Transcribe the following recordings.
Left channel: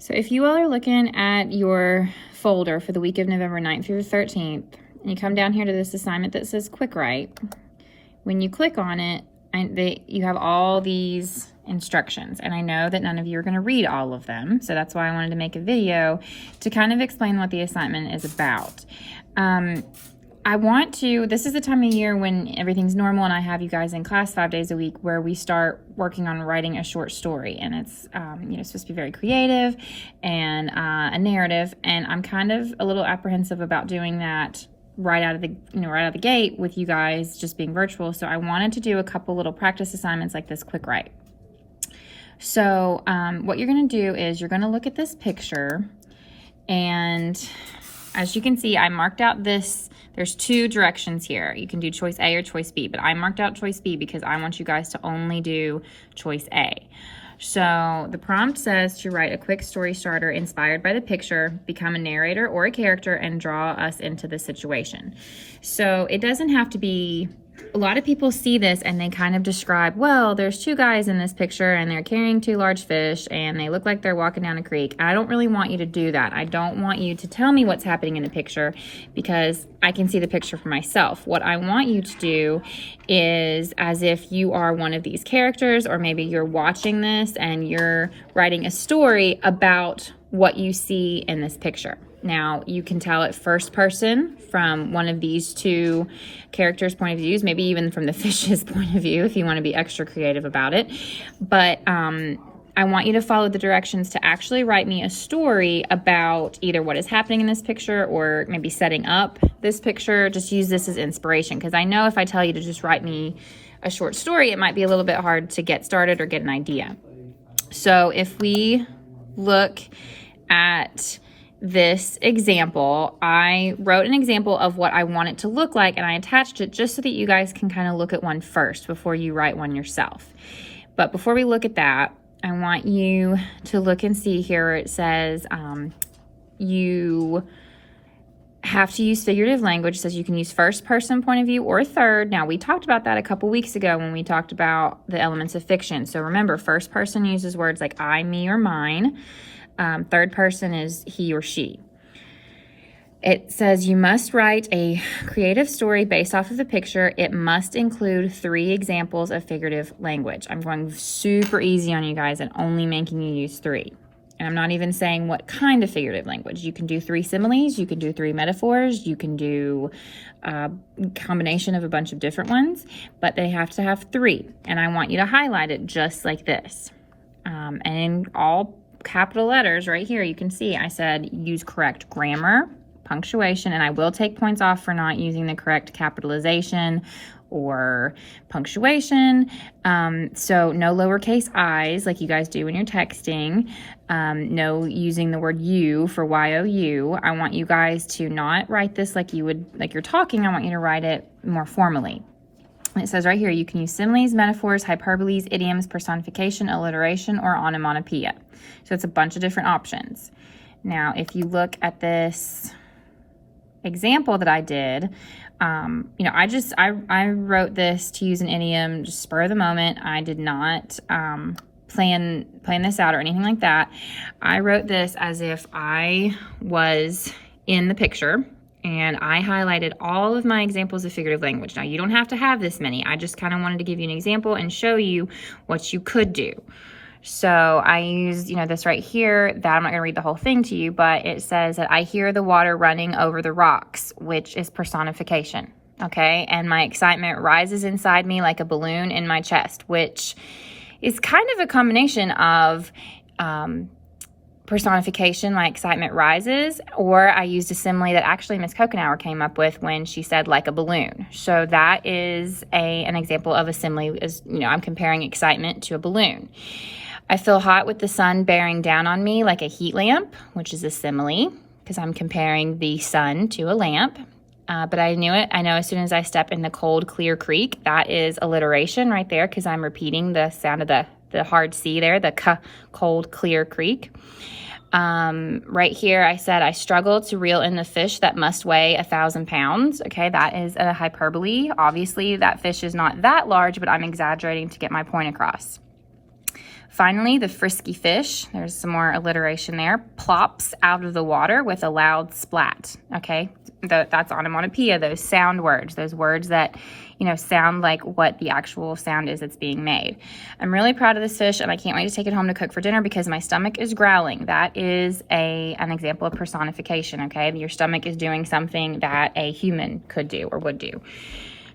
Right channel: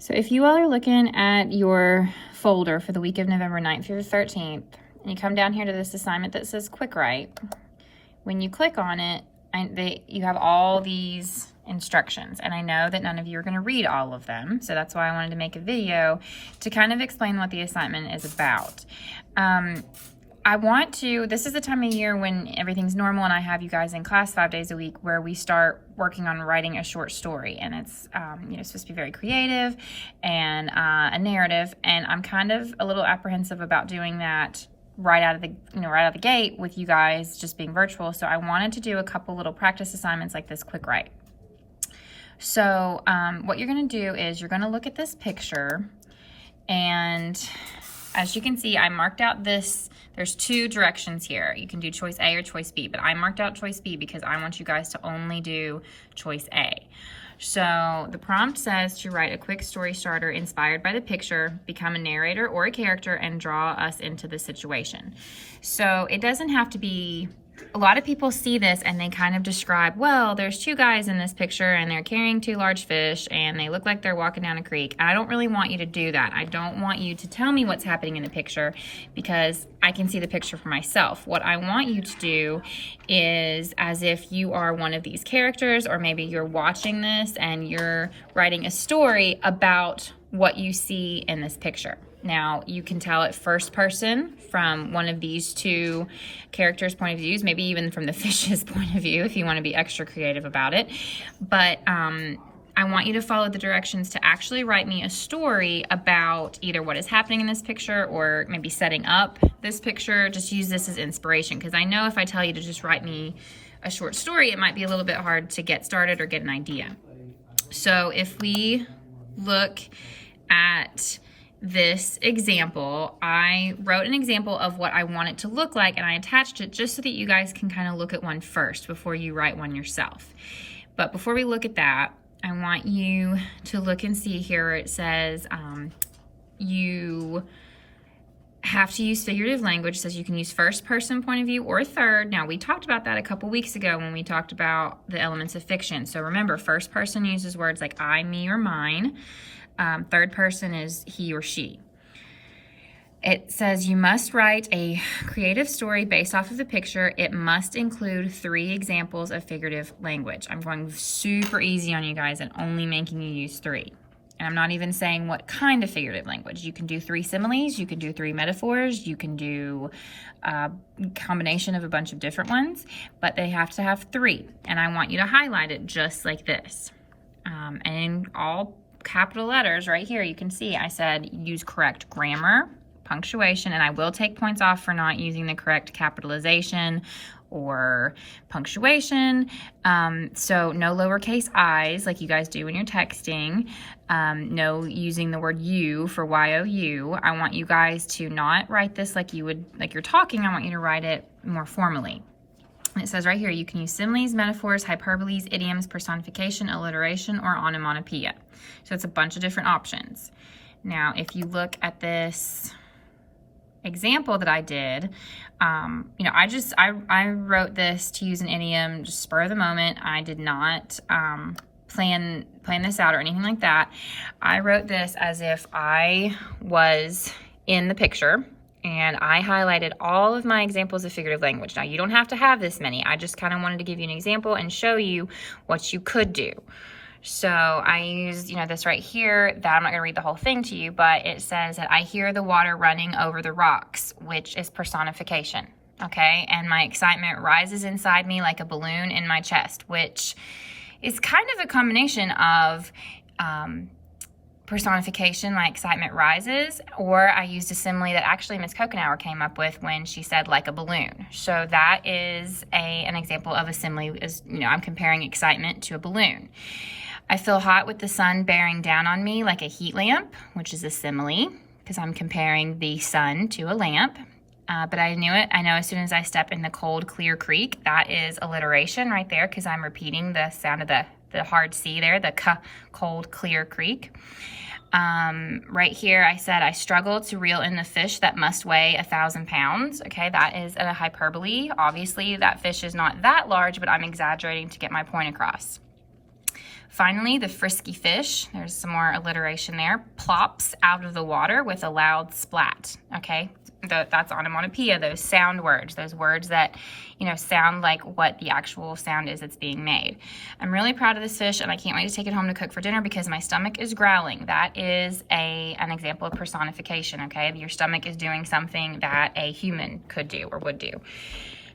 So if you all are looking at your folder for the week of November 9th through the 13th, and you come down here to this assignment that says Quickwrite, when you click on it, you have all these instructions, and I know that none of you are going to read all of them, so that's why I wanted to make a video to kind of explain what the assignment is about. This is the time of year when everything's normal and I have you guys in class 5 days a week where we start working on writing a short story, and it's supposed to be very creative and a narrative, and I'm kind of a little apprehensive about doing that right out of the gate with you guys just being virtual. So I wanted to do a couple little practice assignments like this Quickwrite. So what you're going to do is you're going to look at this picture, and as you can see, I marked out this. There's two directions here. You can do choice A or choice B, but I marked out choice B because I want you guys to only do choice A. So the prompt says to write a quick story starter inspired by the picture, become a narrator or a character, and draw us into the situation. So it doesn't have to be, a lot of people see this and they kind of describe, well, there's two guys in this picture and they're carrying two large fish and they look like they're walking down a creek. And I don't really want you to do that. I don't want you to tell me what's happening in the picture because I can see the picture for myself. What I want you to do is as if you are one of these characters, or maybe you're watching this and you're writing a story about what you see in this picture. Now, you can tell it first person from one of these two characters' point of views, maybe even from the fish's point of view if you want to be extra creative about it. But I want you to follow the directions to actually write me a story about either what is happening in this picture or maybe setting up this picture. Just use this as inspiration, because I know if I tell you to just write me a short story, it might be a little bit hard to get started or get an idea. So if we look at this example, I wrote an example of what I want it to look like, and I attached it just so that you guys can kind of look at one first before you write one yourself. But before we look at that, I want you to look and see here. It says you have to use figurative language. It says you can use first person point of view or third. Now, we talked about that a couple weeks ago when we talked about the elements of fiction. So remember, first person uses words like I, me, or mine. Third person is he or she. It says you must write a creative story based off of the picture. It must include 3 examples of figurative language. I'm going super easy on you guys and only making you use 3. And I'm not even saying what kind of figurative language. You can do 3 similes, you can do 3 metaphors, you can do a combination of a bunch of different ones, but they have to have 3. And I want you to highlight it just like this. And in all capital letters right here, you can see I said use correct grammar, punctuation, and I will take points off for not using the correct capitalization or punctuation. So no lowercase i's like you guys do when you're texting. No using the word you for you. I want you guys to not write this like you're talking. I want you to write it more formally. And it says right here, you can use similes, metaphors, hyperboles, idioms, personification, alliteration, or onomatopoeia. So it's a bunch of different options. Now, if you look at this example that I did, I wrote this to use an idiom, just spur of the moment. I did not plan this out or anything like that. I wrote this as if I was in the picture, and I highlighted all of my examples of figurative language. Now, you don't have to have this many. I just kind of wanted to give you an example and show you what you could do. So I used, this right here, that I'm not going to read the whole thing to you, but it says that I hear the water running over the rocks, which is personification, okay? And my excitement rises inside me like a balloon in my chest, which is kind of a combination of personification, my excitement rises, or I used a simile that actually Miss Kokenauer came up with when she said like a balloon. So that is an example of a simile, I'm comparing excitement to a balloon. I feel hot with the sun bearing down on me like a heat lamp, which is a simile because I'm comparing the sun to a lamp. But I knew it. I know as soon as I step in the cold, clear creek, that is alliteration right there because I'm repeating the sound of the hard C there, the cold, clear creek. Right here, I said, I struggle to reel in the fish that must weigh 1,000 pounds. Okay, that is a hyperbole. Obviously, that fish is not that large, but I'm exaggerating to get my point across. Finally, the frisky fish, there's some more alliteration there, plops out of the water with a loud splat, okay? That's onomatopoeia, those sound words, those words that, sound like what the actual sound is that's being made. I'm really proud of this fish, and I can't wait to take it home to cook for dinner because my stomach is growling. That is an example of personification, okay? Your stomach is doing something that a human could do or would do.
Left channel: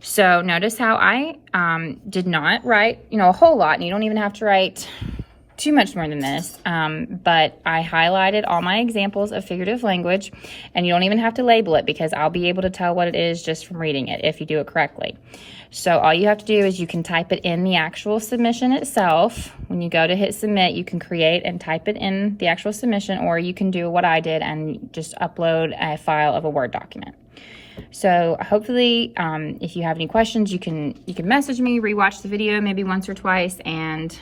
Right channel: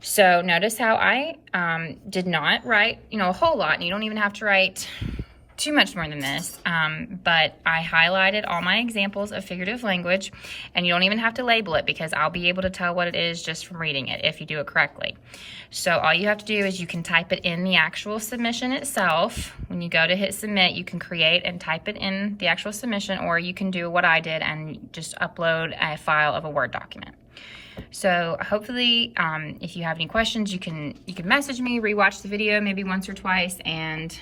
So notice how I did not write, a whole lot, and you don't even have to write too much more than this, but I highlighted all my examples of figurative language, and you don't even have to label it because I'll be able to tell what it is just from reading it if you do it correctly. So all you have to do is you can type it in the actual submission itself. When you go to hit submit, you can create and type it in the actual submission, or you can do what I did and just upload a file of a Word document. So hopefully, if you have any questions, you can message me, rewatch the video maybe once or twice, and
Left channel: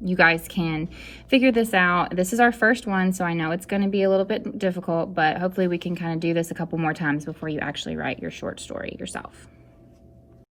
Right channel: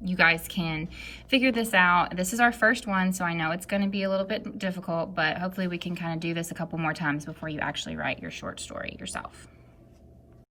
you guys can figure this out. This is our first one, so I know it's going to be a little bit difficult, but hopefully we can kind of do this a couple more times before you actually write your short story yourself.